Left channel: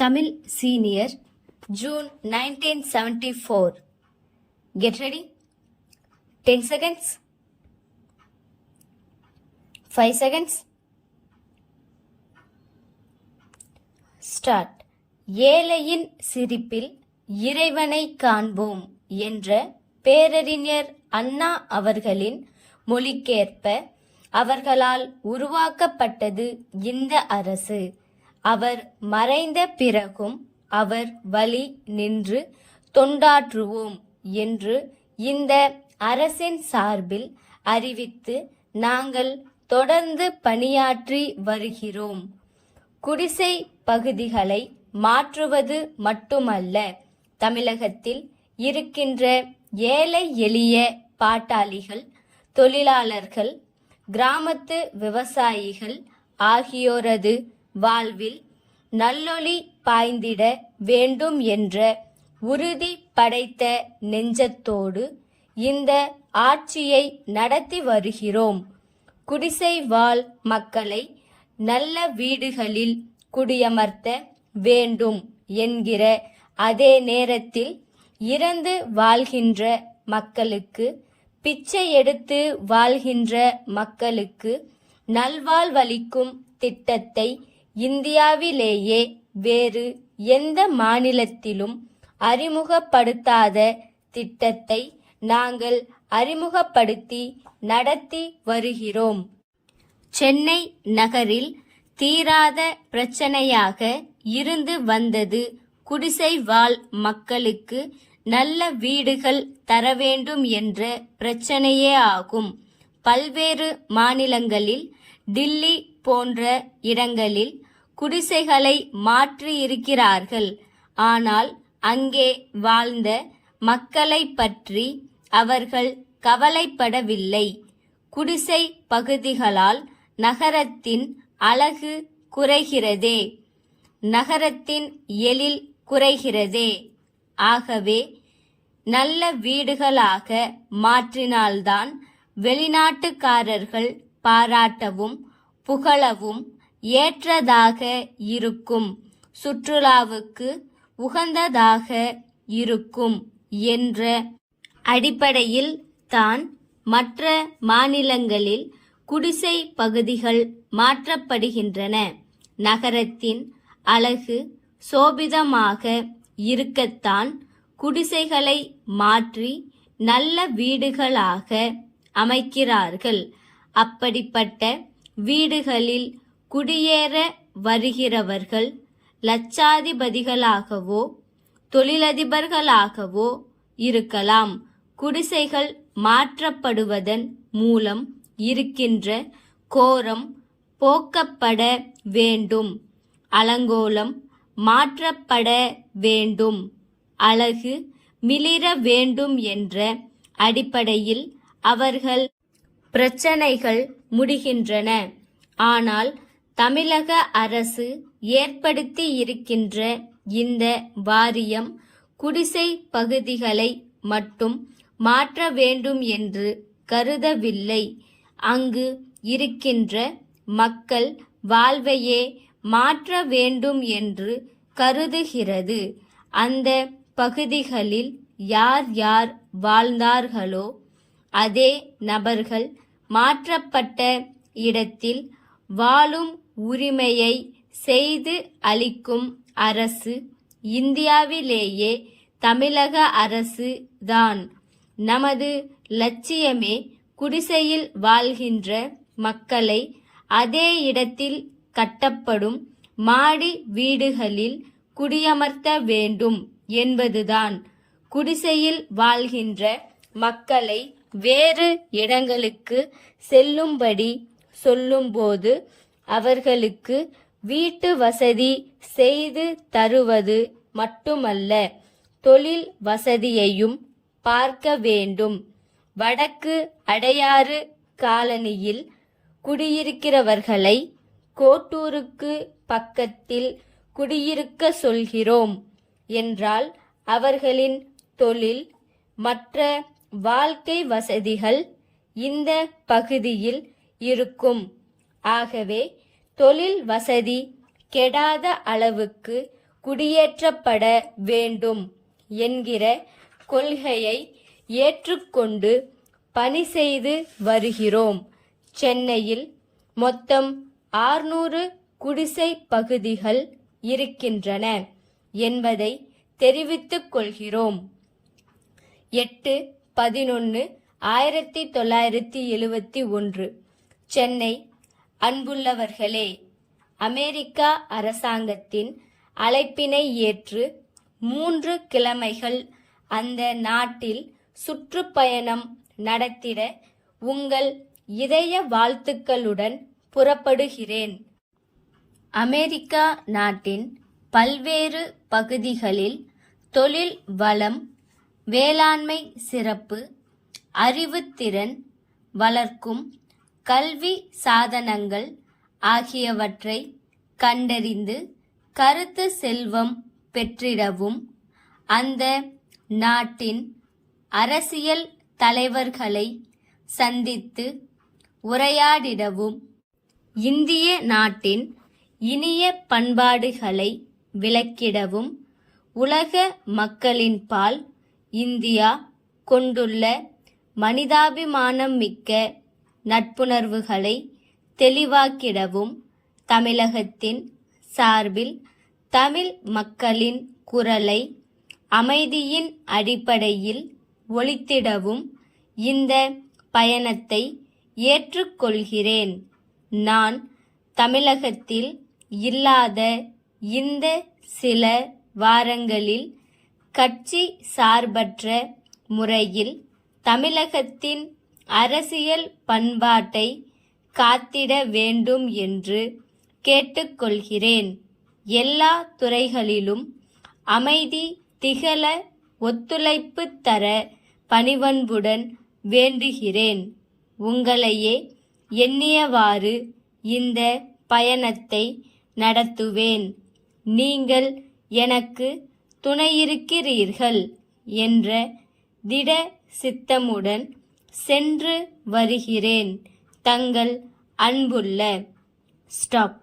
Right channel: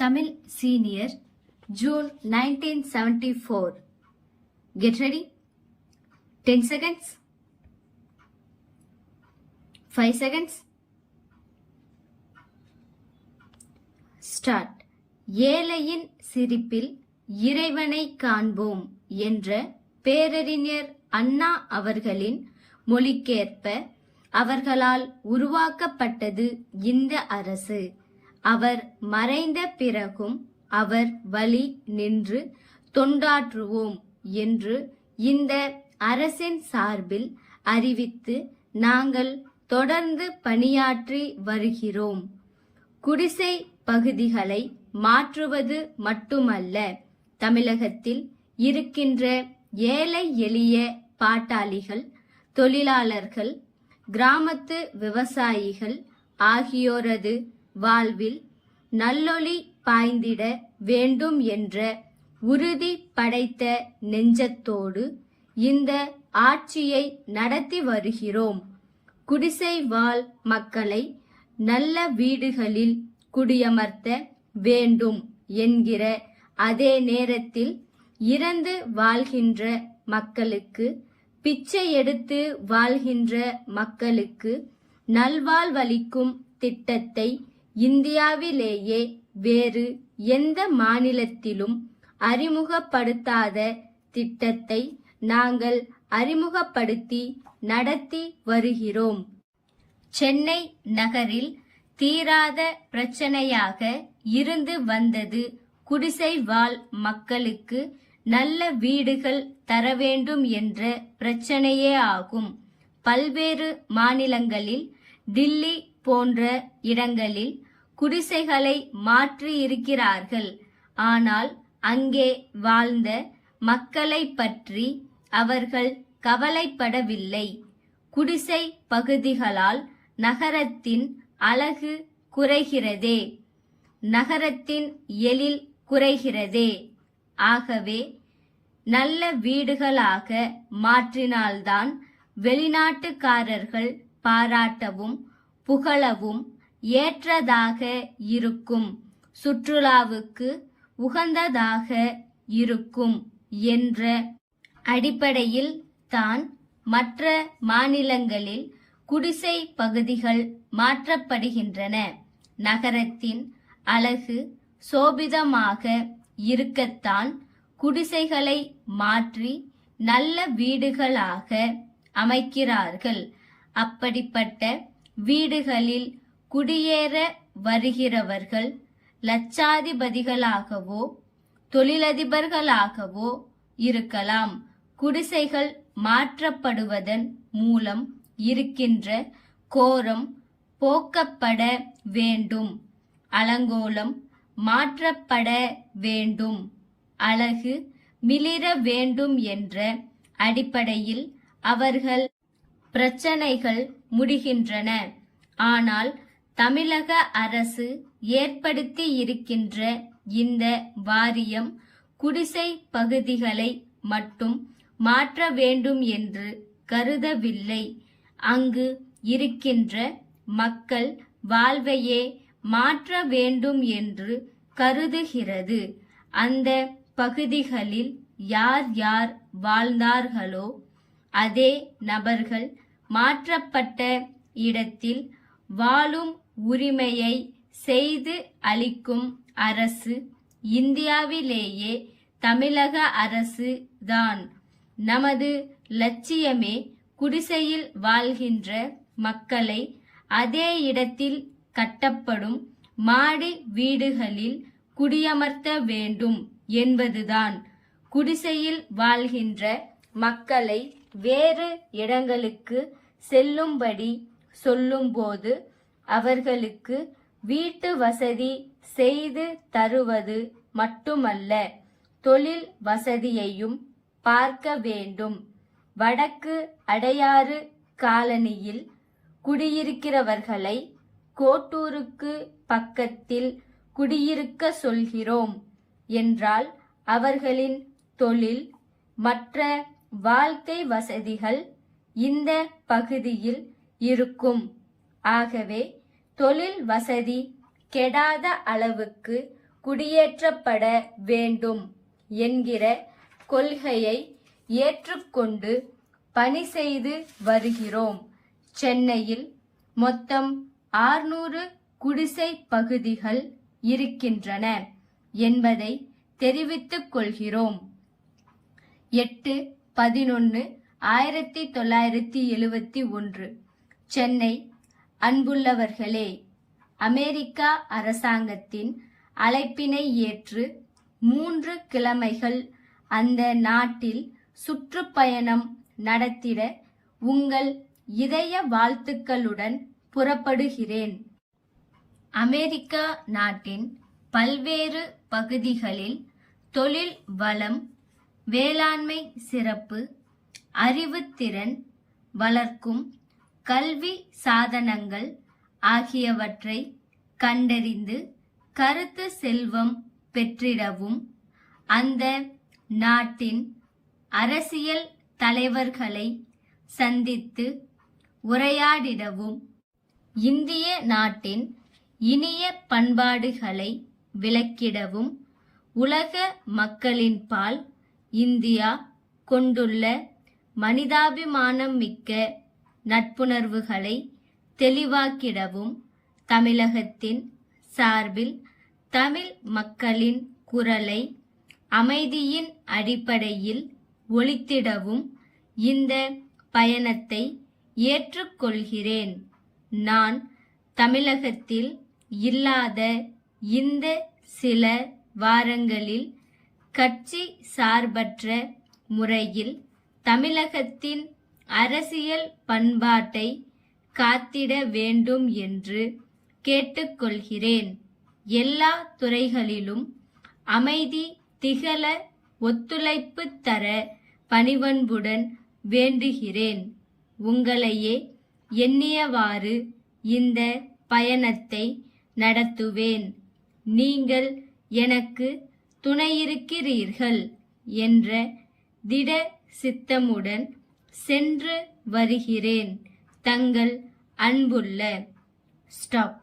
Tamil Senior, June 1974. Get ready. 10 seconds. 5 seconds. Start. ஏழையின் சிரிப்பில் இறைவனை காண்போம் என்ற பேரறிஞர் அண்ணா அவர்களின் மொழிக்கேற்ப அவர்களால் உருவாக்கப்பட்டது இந்த அரசு. அவர் மறைந்த பிறகும் அவர் வழி நின்று தொண்டாற்றுவோம் என்று இந்த அரசின் சார்பில் அறிவித்து நாங்கள் தொடர்ந்து பணியாற்றி வருகிறோம். குடிசை பகுதிகளை மாற்றுவது மட்டுமல்ல, தமிழகத்தில் இருக்கின்ற ஏழை எளிய பாட்டாளிகள், தொழிலாளர்கள், கிராமத்து விவசாயிகள் ஆகியோரது வாழ்வில் நல்லொளி பாய்ந்திட வேண்டும் என்ற உறுதி படைத்த நெஞ்சத்தோடு இந்த ஆட்சியை நடத்தி வருகிறோம். குடிசை வாழ் மக்களை நல்ல வீடுகளில் குடியமர்த்த வேண்டும் என்கிற அதே நேரத்தில் இறந்து வாழ்கின்ற மக்களுக்கு, பிச்சை எடுத்து வாழ்கின்ற மக்களுக்கு நல்வாழ்வளிக்கும் திட்டத்தை இந்தியாவிலேயே வேறு எந்த மாநிலத்திலும் அறிமுகப்படுத்தாத திட்டத்தை நாங்கள் அறிமுகப்படுத்தி நடத்தி வருகிறோம். சென்னை நகரில் தீராத பிரச்சனையாக இருந்து வந்தது குடிசை வாழ் மக்களுக்கு நல்ல வீடுகள் தர வேண்டும் என்ற பிரச்சனையே ஆகும். பல்வேறு மாநிலங்களில், டில்லி போன்ற இடங்களில் குடிசைகளை மாற்றி இருக்கிறார்கள். ஆனால் அங்கே வாழ்ந்த மக்களை பற்றி அவர்கள் கவலைப்படவில்லை. குடிசை பகுதிகளால் நகரத்தின் அழகு குறைகிறதே, நகரத்தின் எழில் குறைகிறதே. ஆகவே நல்ல வீடுகளாக மாற்றினால்தான் வெளிநாட்டுக்காரர்கள் பாராட்டவும் புகழவும் ஏற்றதாக இருக்கும், சுற்றுலாவுக்கு உகந்ததாக இருக்கும் என்ற அடிப்படையில் தான் மற்ற மாநிலங்களில் குடிசை பகுதிகள் மாற்றப்படுகின்றன. நகரத்தின் அழகு சோபிதமாக இருக்கத்தான் குடிசைகளை மாற்றி நல்ல வீடுகளாக அமைக்கிறார்கள். அப்படிப்பட்ட வீடுகளில் குடியேற வருகிறவர்கள் லட்சாதிபதிகளாகவோ தொழிலதிபர்களாகவோ இருக்கலாம். குடிசைகள் மாற்றப்படுவதன் மூலம் இருக்கின்ற கோரம் போக்கப்பட வேண்டும், அலங்கோலம் மாற்றப்பட வேண்டும், அழகு மிளிர வேண்டும் என்ற அடிப்படையில் அவர்கள் பிரச்சனைகள் முடிகின்றன. ஆனால் தமிழக அரசு ஏற்படுத்தி இருக்கின்ற இந்த வாரியம் குடிசை பகுதிகளை மட்டும் மாற்ற வேண்டும் என்று கருதவில்லை. அங்கு இருக்கின்ற மக்கள் வாழ்வையே மாற்ற வேண்டும் என்று கருதுகிறது. அந்த பகுதிகளில் யார் யார் வாழ்ந்தார்களோ அதே நபர்கள் மாற்றப்பட்ட இடத்தில் வாழும் உரிமையை செய்து அளிக்கும் அரசு இந்தியாவிலேயே தமிழக அரசு தான். நமது லட்சியமே குடிசையில் வாழ்கின்ற மக்களை அதே இடத்தில் கட்டப்படும் மாடி வீடுகளில் குடியமர்த்த வேண்டும் என்பதுதான். குடிசையில் வாழ்கின்ற மக்களை வேறு இடங்களுக்கு செல்லும்படி சொல்லும்போது அவர்களுக்கு வீட்டு வசதி செய்து தருவது மட்டுமல்ல, தொழில் வசதியையும் பார்க்க வேண்டும். வடக்கு அடையாறு காலனியில் குடியிருக்கிறவர்களை கோட்டூருக்கு பக்கத்தில் குடியிருக்க சொல்கிறோம் என்றால் அவர்களின் தொழில் மற்ற வாழ்க்கை வசதிகள் இந்த பகுதியில் இருக்கும். ஆகவே தொழில் வசதி கெடாத அளவுக்கு குடியேற்றப்பட வேண்டும் என்கிற கொள்கையை ஏற்றுக்கொண்டு பணி செய்து வருகிறோம். சென்னையில் மொத்தம் 600 குடிசை பகுதிகள் இருக்கின்றன என்பதை தெரிவித்துக் கொள்கிறோம். 8/11/1971 சென்னை. அன்புள்ளவர்களே, அமெரிக்கா அரசாங்கத்தின் அழைப்பினை ஏற்று 3 கிழமைகள் அந்த நாட்டில் சுற்றுப்பயணம் நடத்திட உங்கள் இதய வாழ்த்துக்களுடன் புறப்படுகிறேன். அமெரிக்கா நாட்டின் பல்வேறு பகுதிகளில் தொழில் வளம், வேளாண்மை சிறப்பு, அறிவுத்திறன் வளர்க்கும் கல்வி சாதனங்கள் ஆகியவற்றை கண்டறிந்து கருத்து செல்வம் பெற்றிடவும், அந்த நாட்டின் அரசியல் தலைவர்களை சந்தித்து உரையாடிடவும், இந்திய நாட்டின் இனிய பண்பாடுகளை விளக்கிடவும், உலக மக்களின் பால் இந்தியா கொண்டுள்ள மனிதாபிமானம் மிக்க நட்புணர்வுகளை தெளிவாக்கிடவும், தமிழகத்தின் சார்பில் தமிழ் மக்களின் குரலை அமைதியின் அடிப்படையில் ஒலித்திடவும் இந்த பயணத்தை ஏற்றுக்கொள்கிறேன். நான் தமிழகத்தில் இல்லாத இந்த சில வாரங்களில் கட்சி சார்பற்ற முறையில் தமிழகத்தின் அரசியல் பண்பாட்டை காத்திட வேண்டும் என்று கேட்டுக்கொள்கிறேன். எல்லா துறைகளிலும் அமைதி திகழ ஒத்துழைப்பு தர பணிவன்புடன் வேண்டுகிறேன். உங்களையே எண்ணியவாறு இந்த பயணத்தை நடத்துவேன். நீங்கள் எனக்கு துணையிருக்கிறீர்கள் என்ற திட சித்தமுடன் சென்று வருகிறேன். தங்கள் அன்புள்ள ஸ்டாப்.